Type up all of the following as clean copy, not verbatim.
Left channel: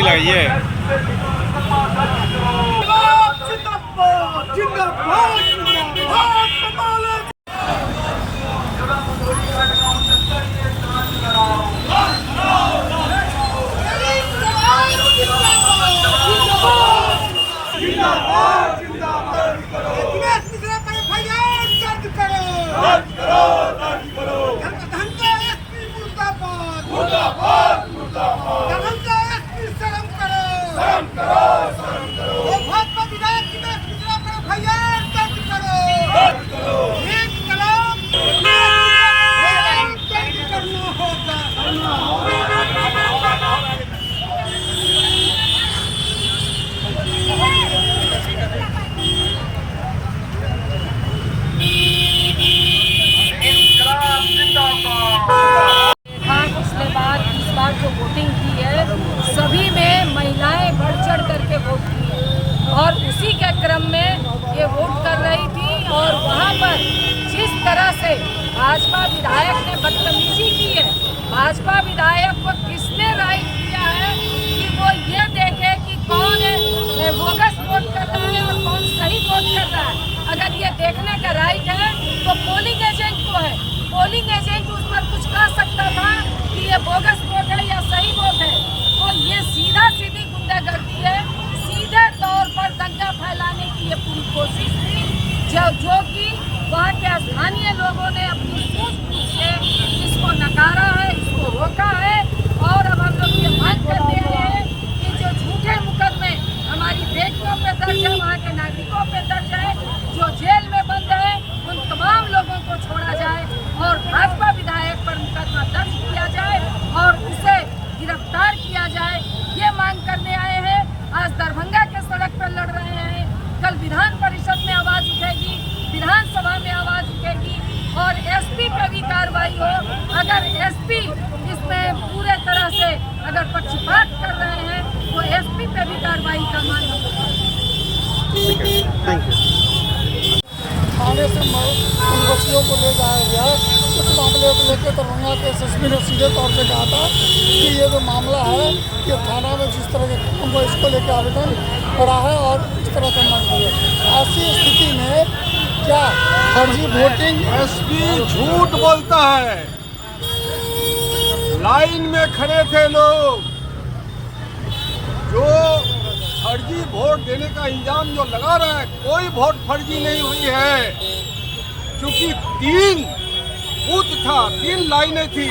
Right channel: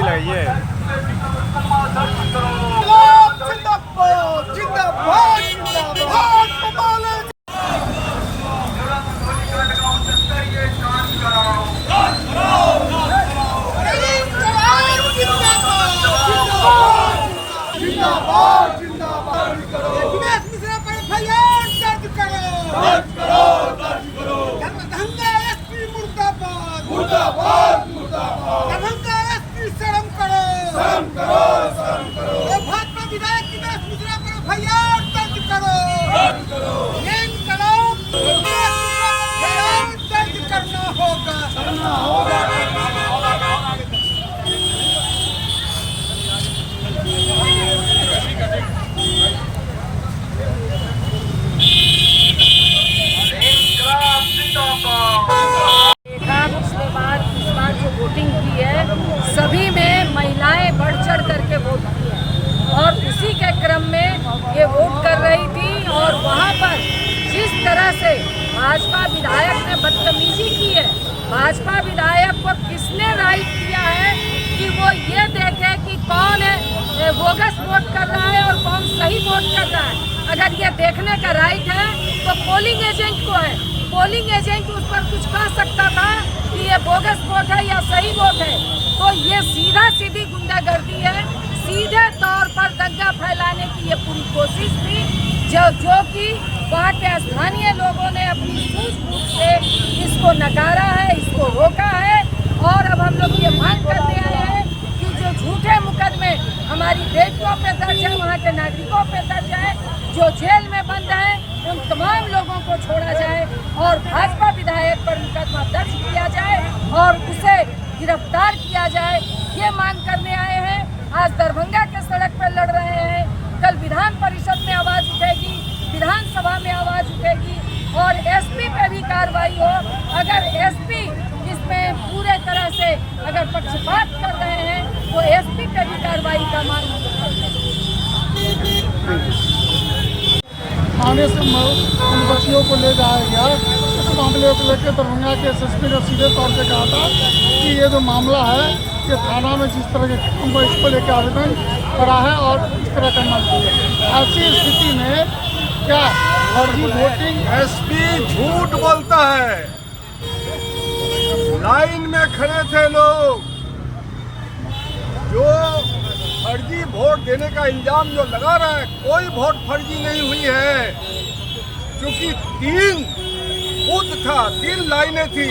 लगाइए। भाजपा विधायक की मेरा सूचना पर एफआईआर दर्ज करो। ये इंकलाब दर्ज करना होगा। पिछले बार इस बार जो वोटिंग की है सभी में महिलाएं बढ़ चढ़ करके वोट की है और उसी के क्रम में ये वोट कर रही थी और वहाँ पर जिस तरह से भाजपा विधायक ने बदतमीजी की है, भाजपा विधायक को किसने राइट दिया है कि वो ये देखे कि कौन बोगस वोट कर रहा है और कौन सही वोट कर रहा है। अगर ये देखने का राइट है तो पोलिंग एजेंट को है। पोलिंग एजेंट उस पर कुछ कह सकता था कि ये बोगस वोट है या सही वोट है। तो ये सीधा सीधी गुंडागर्दी है, सीधे तौर पर दंगा फैलाने की ये पूरी कोशिश थी जो कि वहाँ के स्थानीय लोगों ने अपनी सूझबूझ से इसको नकारा है, इसको रोका है। और अब हम लोग ये मांग करने आए हैं कि जो झूठे मुकदमे हमारी बेटियों पे दर्ज है, वहाँ के नागरिकों पे दर्ज है, जो जेल में बंद है, उन तमाम लोगों को छोड़ा जाए और भाजपा विधायक पर मुकदमा दर्ज किया जाए और उसे गिरफ्तार किया जाए। ये मांग करने आए हैं। आज दरभंगा के सड़क पर लड़ रहे हैं, कल विधान परिषद में आवाज उठेगी, विधानसभा में आवाज उठेगी और एसपी पे भी कार्रवाई हो। अगर एसपी इसमें पूरे तरह से अगर पक्षपात कर रहे हैं तो एसपी पे भी कार्रवाई का मांग हम लोग करते हैं। बच्चियों को ले जाया गया, इस मामले को लेकर दरभंगा के एसएसपी ने सीधे तौर से कहा था कि ये जो मामला है कि थाना में जिस तरह के उनको इसको लेकर आवेदन करा है और इस तरह करना चाहिए। ऐसी स्थिति में क्या फर्जी वोटिंग? एसपी झूठ बोलता है। लाइन में खड़े थे लोग, जो फर्जी वोट देने का इल्जाम जो लगा रहा है, कोई वोट फर्जी नहीं हुई है। क्योंकि 3 बूथ था, 3 लाइनें थी,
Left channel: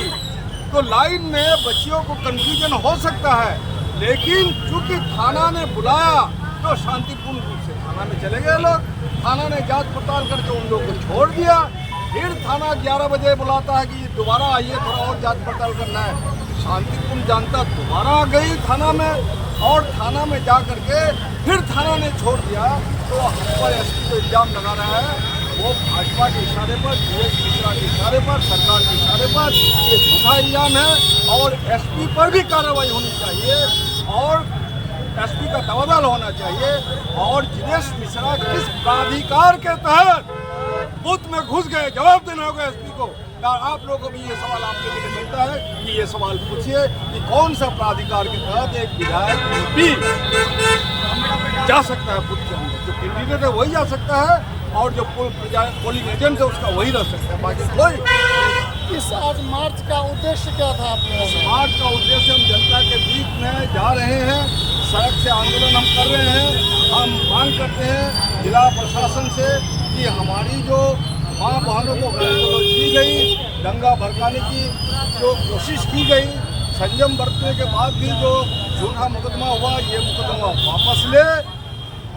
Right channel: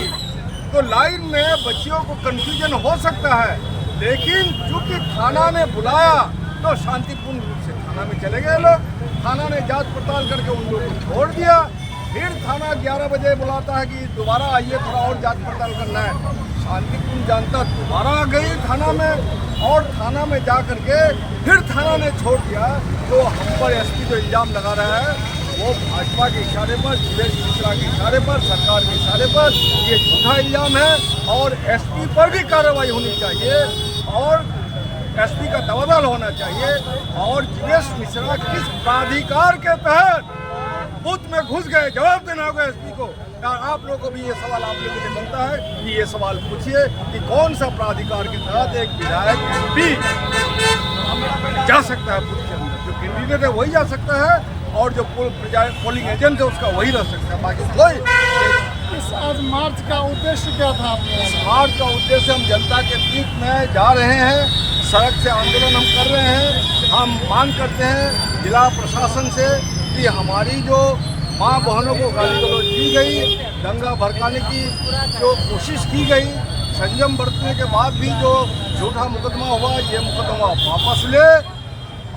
तो लाइन में बच्चियों को कंफ्यूजन हो सकता है। लेकिन चूंकि थाना ने बुलाया तो शांतिपूर्ण रूप से थाना में चले गए लोग। थाना ने जांच पड़ताल करके उन लोगों को छोड़ दिया। फिर थाना 11 बजे बुलाता है कि दोबारा आइए, थोड़ा और जांच पड़ताल करना है। शांतिपूर्ण जनता दोबारा गई थाना में और थाना में जा करके फिर थाना ने छोड़ दिया। तो हम पर एसपी जो इल्जाम लगा रहा है वो भाजपा के इशारे पर, जीवेश मिश्रा के इशारे पर, सरकार के इशारे पर ये झूठा इल्जाम है और एसपी पर भी कार्रवाई होनी चाहिए और एसपी का तबादला होना चाहिए। और जीवेश मिश्रा किस प्राधिकार के तहत बूथ में घुस गए, जवाब देना होगा एसपी को। आप लोगों को भी ये सवाल आप लोगों के लिए बनता है कि ये सवाल पूछिए कि कौन सा प्राधिकार के तहत एक विधायक एमपी जा सकता है बूथ के अंदर। जो कैंडिडेट है वही जा सकता है और जो पोलिंग एजेंट है उसका वही रह सकता है, बाकी कोई। इस आज मार्च का उद्देश्य क्या था? इस मार्च का उद्देश्य हम जनता के बीच में जा रहे हैं, सड़क से आंदोलन हम कर रहे हैं। हम मांग करते हैं जिला प्रशासन से कि हमारी जो माँ बहनों को गाली गलौज दी गई, दंगा भड़काने की जो कोशिश की गई, संयम बरतने के बाद भी जो झूठा मुकदमा हुआ, ये मुकदमा वापस ले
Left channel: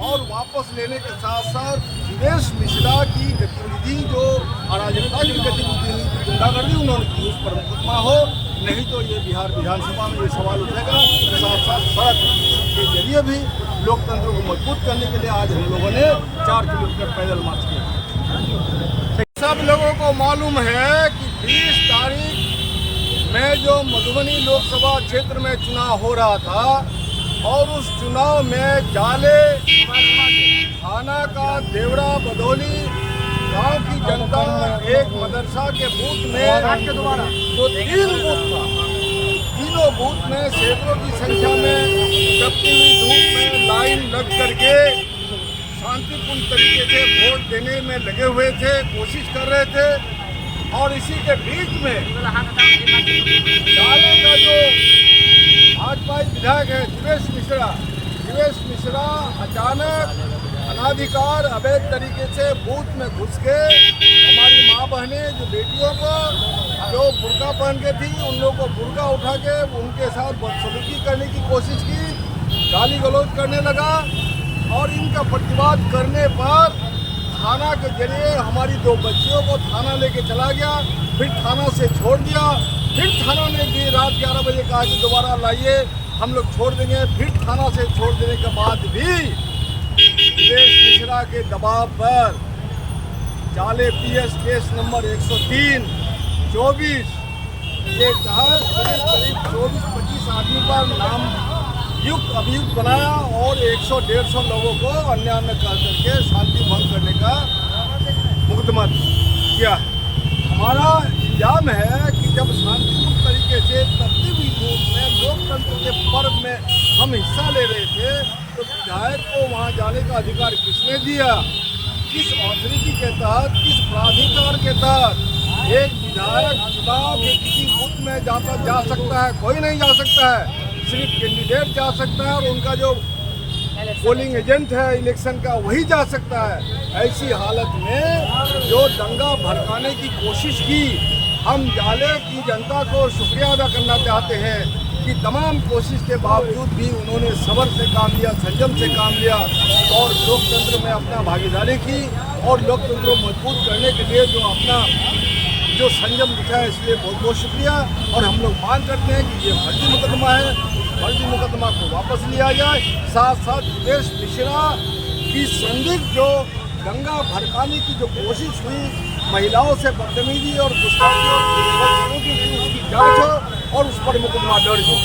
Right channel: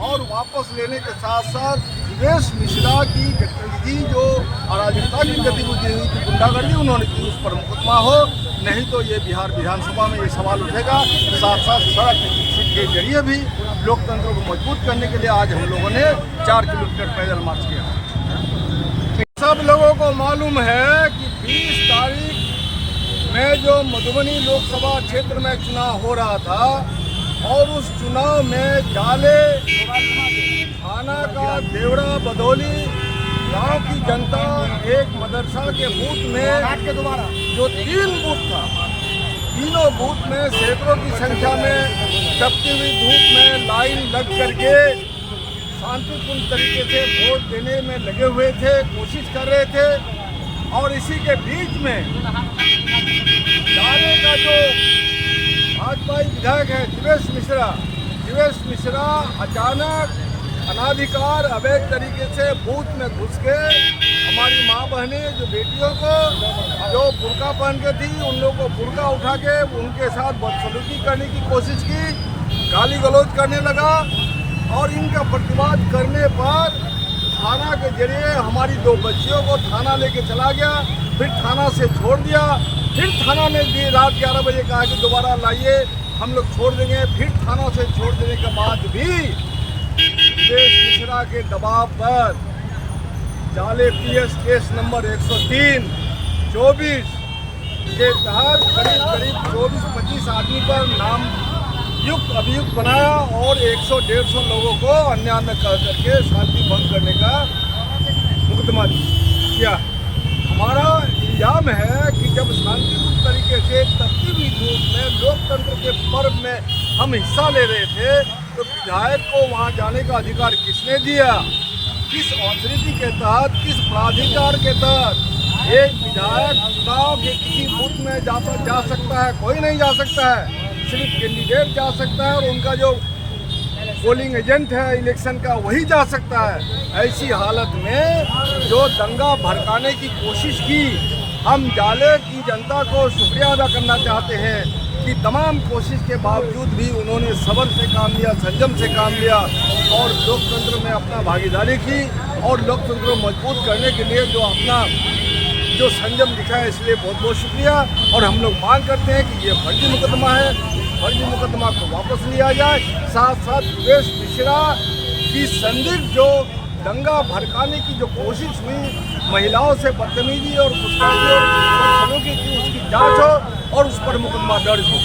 और वापस लेने के साथ साथ जीवेश मिश्रा की गतिविधि जो अराजकता की गतिविधि हुई थी, गुंडागर्दी उन्होंने की, उस पर मुकदमा हो। नहीं तो ये बिहार विधानसभा में ये सवाल उठेगा। साथ साथ सड़क के जरिए भी लोकतंत्र को मजबूत करने के लिए आज हम लोगों ने 4 किलोमीटर पैदल मार्च किया। सब लोगों को मालूम है कि 20 तारीख में जो मधुबनी लोकसभा क्षेत्र में चुनाव हो रहा था और उस चुनाव में जाले थाना का देवरा बदौली गांव की जनता एक मदरसा के बूथ में जो 3 बूथ था तीनों बूथ में सैकड़ों की संख्या में तपती हुई धूप में लाइन लग करके शांतिपूर्ण तरीके से वोट देने में लगे हुए थे, कोशिश कर रहे थे। और इसी के बीच में जाले का जो भाजपाई विधायक है जीवेश मिश्रा अचानक अनाधिकार अवैध तरीके से बूथ में घुस के हमारी माँ बहनें जो बेटियों को जो बुर्का पहन के थी उन लोगों को बुर्का उठा के उनके साथ बदसलूकी करने की कोशिश की, गाली गलौज करने लगा। और इनका प्रतिवाद करने पर थाना के जरिए हमारी 2 बच्चियों को थाना लेके चला गया, फिर थाना से छोड़ दिया। फिर थाना ने रात 11 बजे कहा कि दोबारा लाइए, हम लोग छोड़ देंगे। फिर थाना से छोड़ देने के बाद भी जीवेश मिश्रा के दबाव पर जाले PS केस नंबर 103/24 के तहत करीब 24-25 आदमी पर नाम युक्त अभियुक्त बनाया और 100-150 लोगों को अन्य कह करके शांति भंग करने का मुकदमा किया है। हमारा इल्जाम है कि जब शांतिपूर्ण तरीके से तपती हुई धूप में लोकतंत्र के पर्व में हम हिस्सा ले रहे थे तो विधायक को वहां जाने का अधिकार किसने दिया? किस अथॉरिटी के तहत, किस प्राधिकार के तहत एक विधायक चुनाव के किसी बूथ में जा सकता है? कोई नहीं जा सकता है, सिर्फ कैंडिडेट जा सकता है और उनका जो पोलिंग एजेंट है इलेक्शन का वही जा सकता है। ऐसी हालत में जो दंगा भड़काने की कोशिश की, हम जाले की जनता को शुक्रिया अदा करना चाहते हैं कि तमाम कोशिश के बावजूद भी उन्होंने सब्र से काम लिया, संयम से काम लिया और लोकतंत्र में अपना भागीदारी की और लोकतंत्र को मजबूत करने के लिए जो संयम दिखा है, इसलिए बहुत बहुत शुक्रिया। और हम लोग मांग करते हैं कि ये फर्जी मुकदमा है, इस फर्जी मुकदमा को वापस लिया जाए। साथ साथ जीवेश मिश्रा की संदिग्ध जो दंगा भड़काने की जो कोशिश हुई, महिलाओं से बदतमीजी और गुस्ताखी और बदसलूकी की, उसकी जांच हो और उस पर मुकदमा दर्ज हो।